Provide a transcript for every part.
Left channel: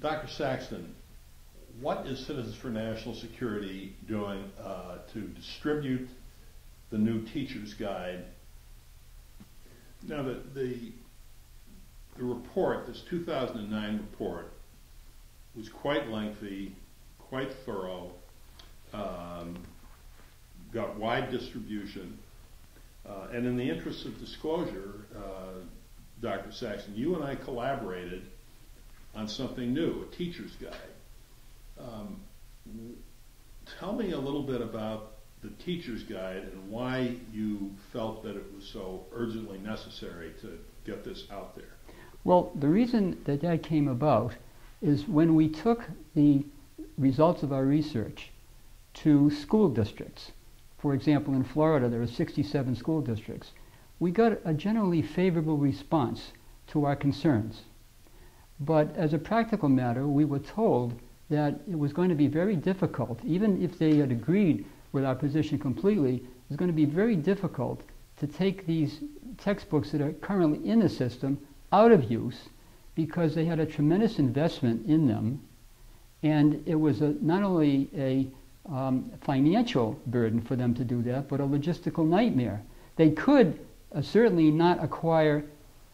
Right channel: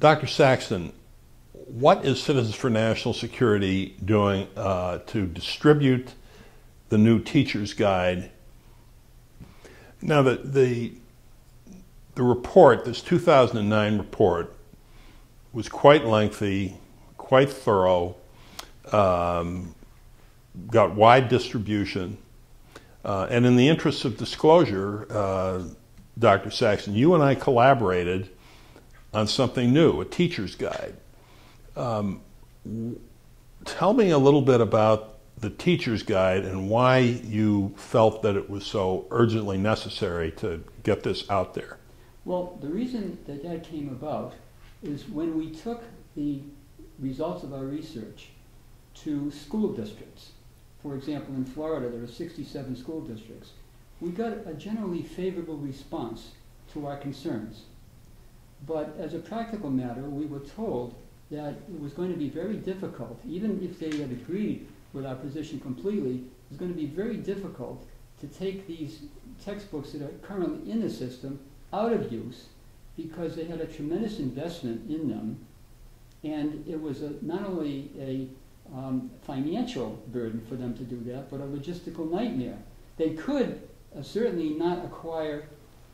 Dr. Saxton, what is Citizens for National Security doing to distribute the new teacher's guide? Now, the report, this 2009 report, was quite lengthy, quite thorough, got wide distribution, and in the interest of disclosure, Dr. Saxton, you and I collaborated on something new, a teacher's guide. Tell me a little bit about the teacher's guide and why you felt that it was so urgently necessary to get this out there. Well, the reason that that came about is when we took the results of our research to school districts. For example, in Florida, there are 67 school districts. We got a generally favorable response to our concerns. But as a practical matter, we were told that it was going to be very difficult, even if they had agreed with our position completely, it was going to be very difficult to take these textbooks that are currently in the system out of use because they had a tremendous investment in them, and it was not only a financial burden for them to do that, but a logistical nightmare. They could certainly not acquire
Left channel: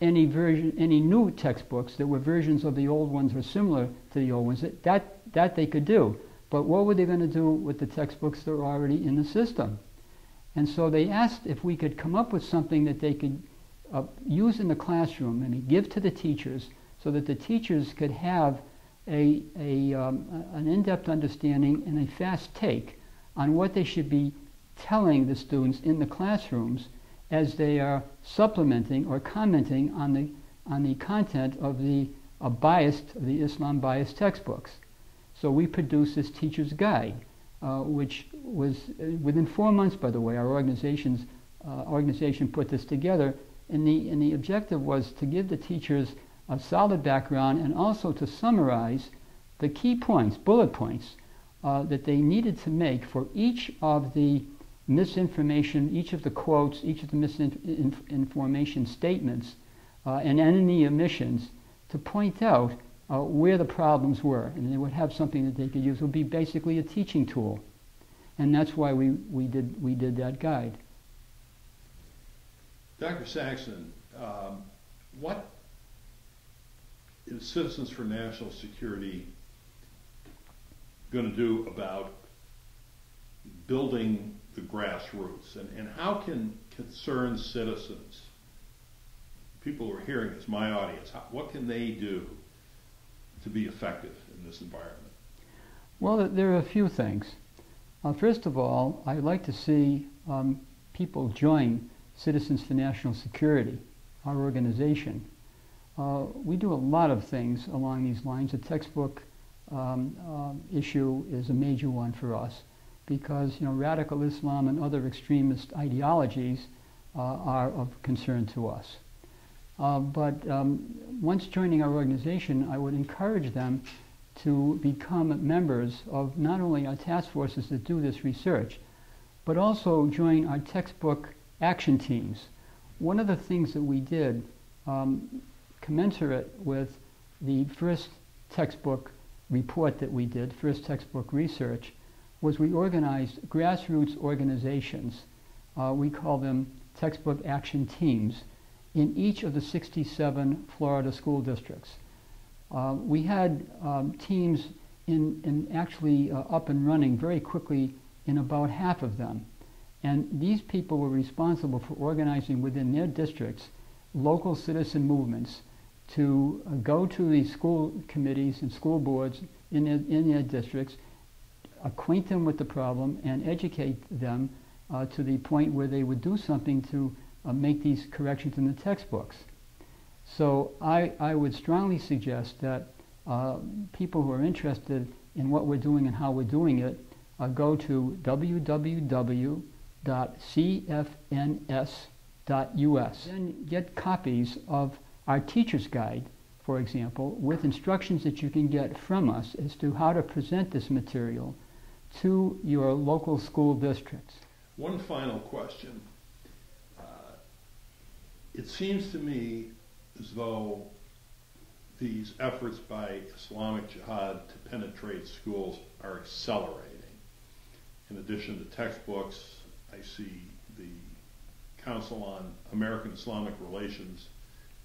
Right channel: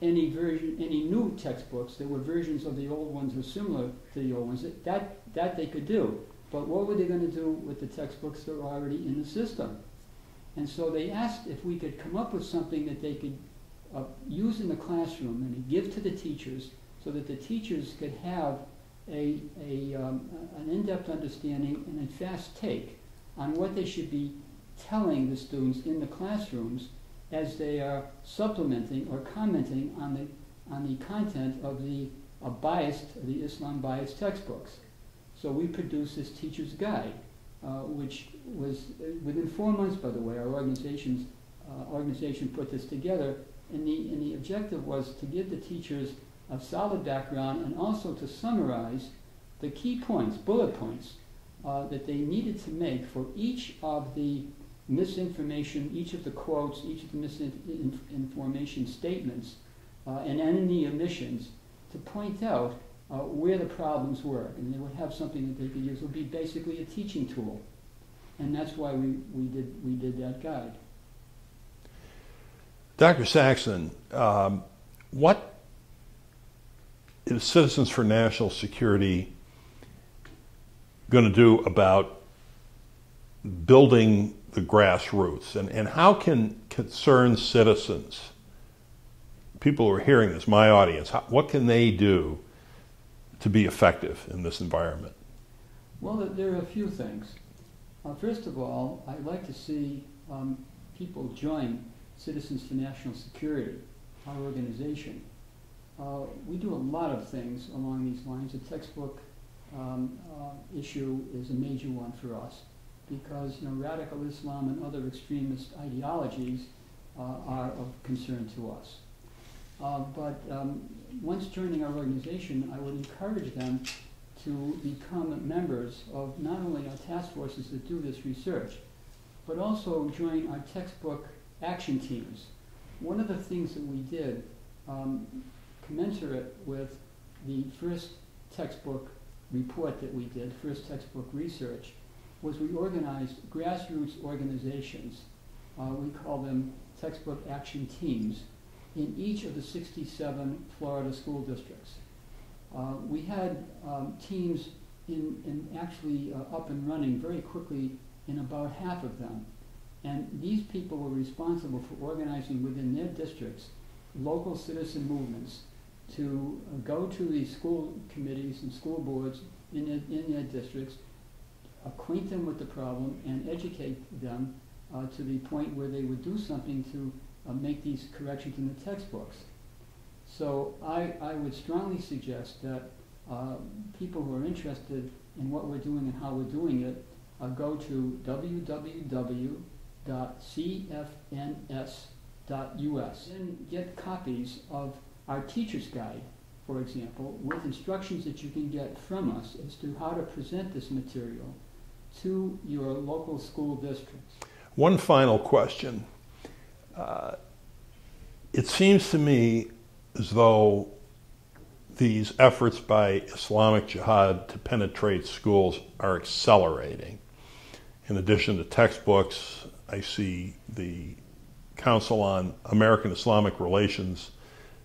any new textbooks that were versions of the old ones or similar to the old ones. That they could do. But what were they going to do with the textbooks that were already in the system? And so they asked if we could come up with something that they could use in the classroom and give to the teachers so that the teachers could have an in-depth understanding and a fast take on what they should be telling the students in the classrooms as they are supplementing or commenting on the content of the Islam biased textbooks. So we produced this teacher's guide, which was within 4 months, by the way. Our organization put this together, and the objective was to give the teachers a solid background and also to summarize the key points, bullet points, that they needed to make for each of the misinformation, each of the quotes, each of the misinformation statements, and any omissions, to point out where the problems were, and they would have something that they could use. It would be basically a teaching tool, and that's why we did that guide. Dr. Saxton, what is Citizens for National Security going to do about building the grassroots, and how can concerned citizens, people who are hearing this, my audience, what can they do to be effective in this environment? Well, there are a few things. First of all, I'd like to see people join Citizens for National Security, our organization. We do a lot of things along these lines. The textbook issue is a major one for us because radical Islam and other extremist ideologies are of concern to us. But once joining our organization, I would encourage them to become members of not only our task forces that do this research, but also join our textbook action teams. One of the things that we did, commensurate with the first textbook report that we did, first textbook research, was we organized grassroots organizations. We call them textbook action teams in each of the 67 Florida school districts. We had teams actually up and running very quickly in about half of them. And these people were responsible for organizing within their districts local citizen movements to go to the school committees and school boards in their districts, acquaint them with the problem, and educate them to the point where they would do something to make these corrections in the textbooks. So I would strongly suggest that people who are interested in what we're doing and how we're doing it go to www.cfns.us and get copies of our teacher's guide, for example, with instructions that you can get from us as to how to present this material to your local school districts. One final question. It seems to me as though these efforts by Islamic Jihad to penetrate schools are accelerating. In addition to textbooks, I see the Council on American Islamic Relations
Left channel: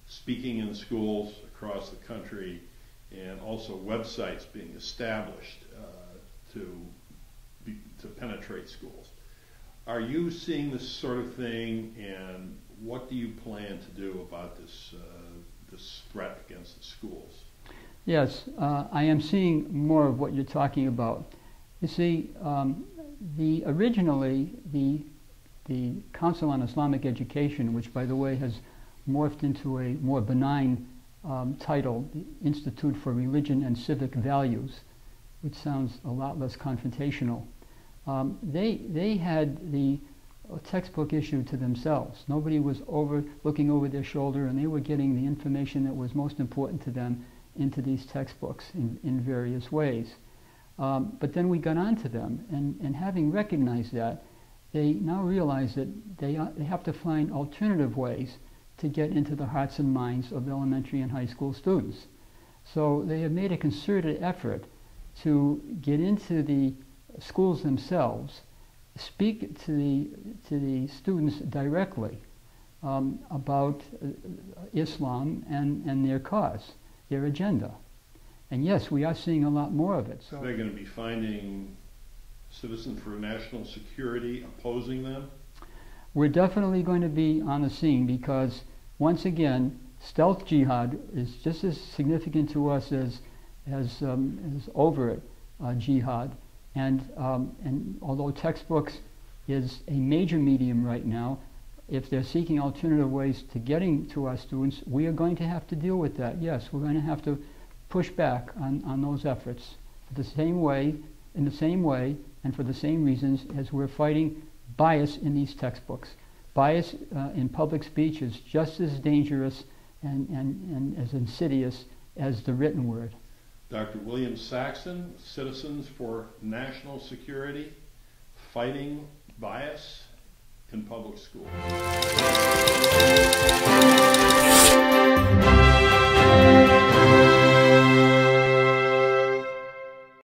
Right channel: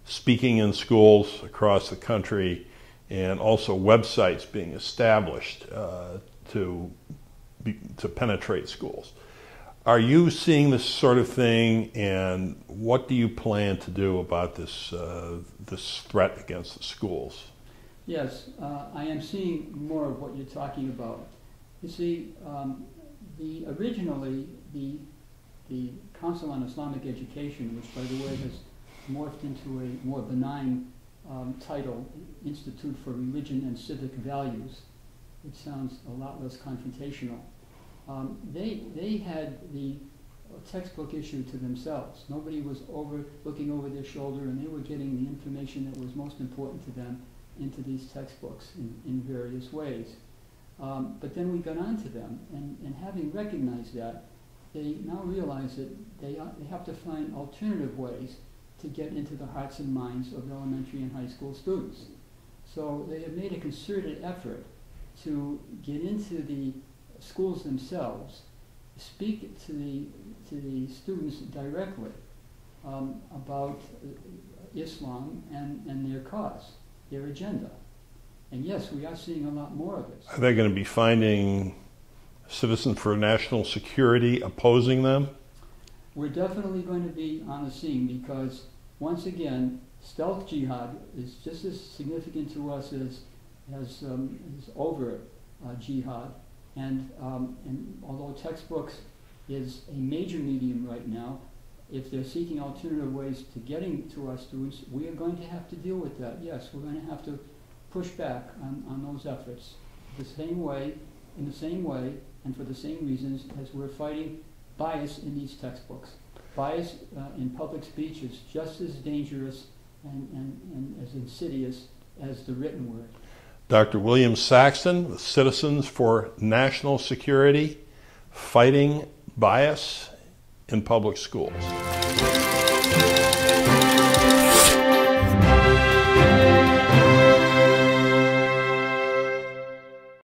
speaking in schools across the country, and also websites being established to penetrate schools. Are you seeing this sort of thing, and what do you plan to do about this threat against the schools? Yes, I am seeing more of what you're talking about. You see, originally the Council on Islamic Education, which by the way has morphed into a more benign title, the Institute for Religion and Civic Values, which sounds a lot less confrontational. They had the textbook issue to themselves. Nobody was looking over their shoulder, and they were getting the information that was most important to them into these textbooks in various ways. But then we got on to them, and having recognized that, they now realize that they have to find alternative ways to get into the hearts and minds of elementary and high school students. So they have made a concerted effort to get into the schools themselves, speak to the students directly about Islam and their cause, their agenda. And yes, we are seeing a lot more of it. So are they going to be finding Citizens for National Security opposing them? We're definitely going to be on the scene, because once again, stealth jihad is just as significant to us as overt jihad. And although textbooks is a major medium right now, if they're seeking alternative ways to getting to our students, we are going to have to deal with that. Yes, we're going to have to push back on those efforts in the same way, and for the same reasons as we're fighting bias in these textbooks. Bias in public speech is just as dangerous and as insidious as the written word. Dr. William Saxton, with Citizens for National Security, fighting bias in public schools.